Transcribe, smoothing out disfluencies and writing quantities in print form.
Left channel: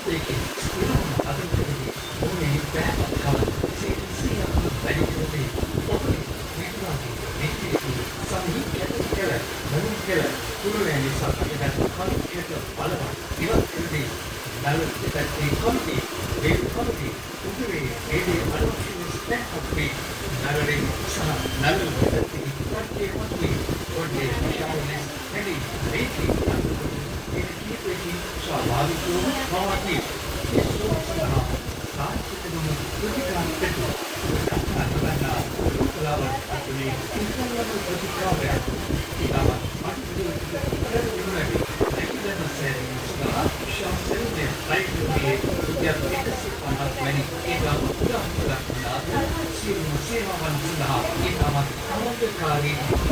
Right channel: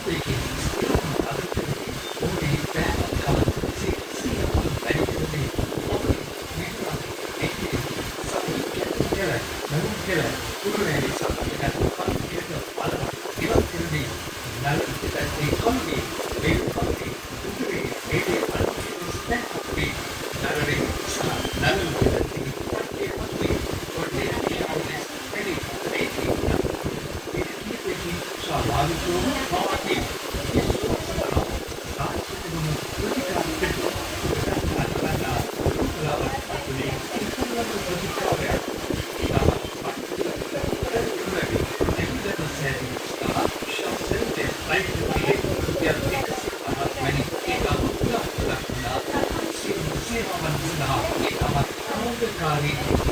taking other activity only can come see very easily okay visually activity some කියලා මොන කියලා කුරුනේ නිසා අපිට පොත් කියලා බලනවා ඉවත් වෙන්නේ නලට ඒ කොන්දේ ඒ කොන්දේ කුරුනේ ඒ ස්ටෙප් අපි නලේ නලට ඒ කොන්දේ කොන්දේ ශාවනේ එනි ඒකේ ස්වාභාවිකව මාවති ඒ සෝසනා සාහිත්‍යයෙන් ප්‍රතික්‍රියා දෙනවා